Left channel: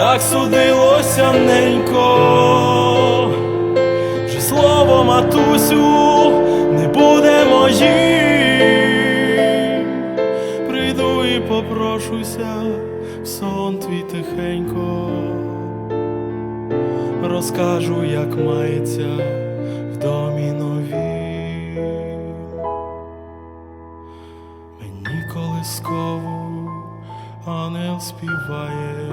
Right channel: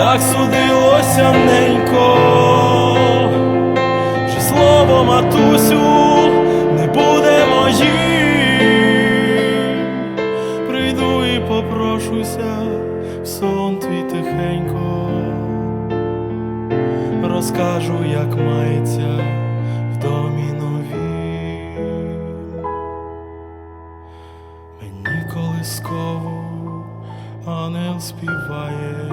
так судилося ненько. Вже слово матусю не буде моїм. Прийду і попрошуся в сон твій тихенько. Розкажу, як мається в домі новім. Мені колискову ангел співає,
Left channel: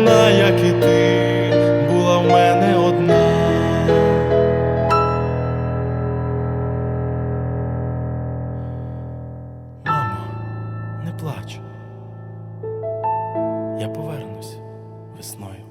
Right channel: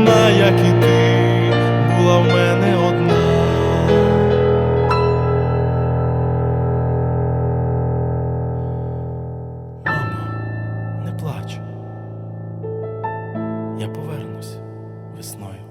Вона, як і ти, була в мене одна. Мамо, не плач. Я повернусь весною.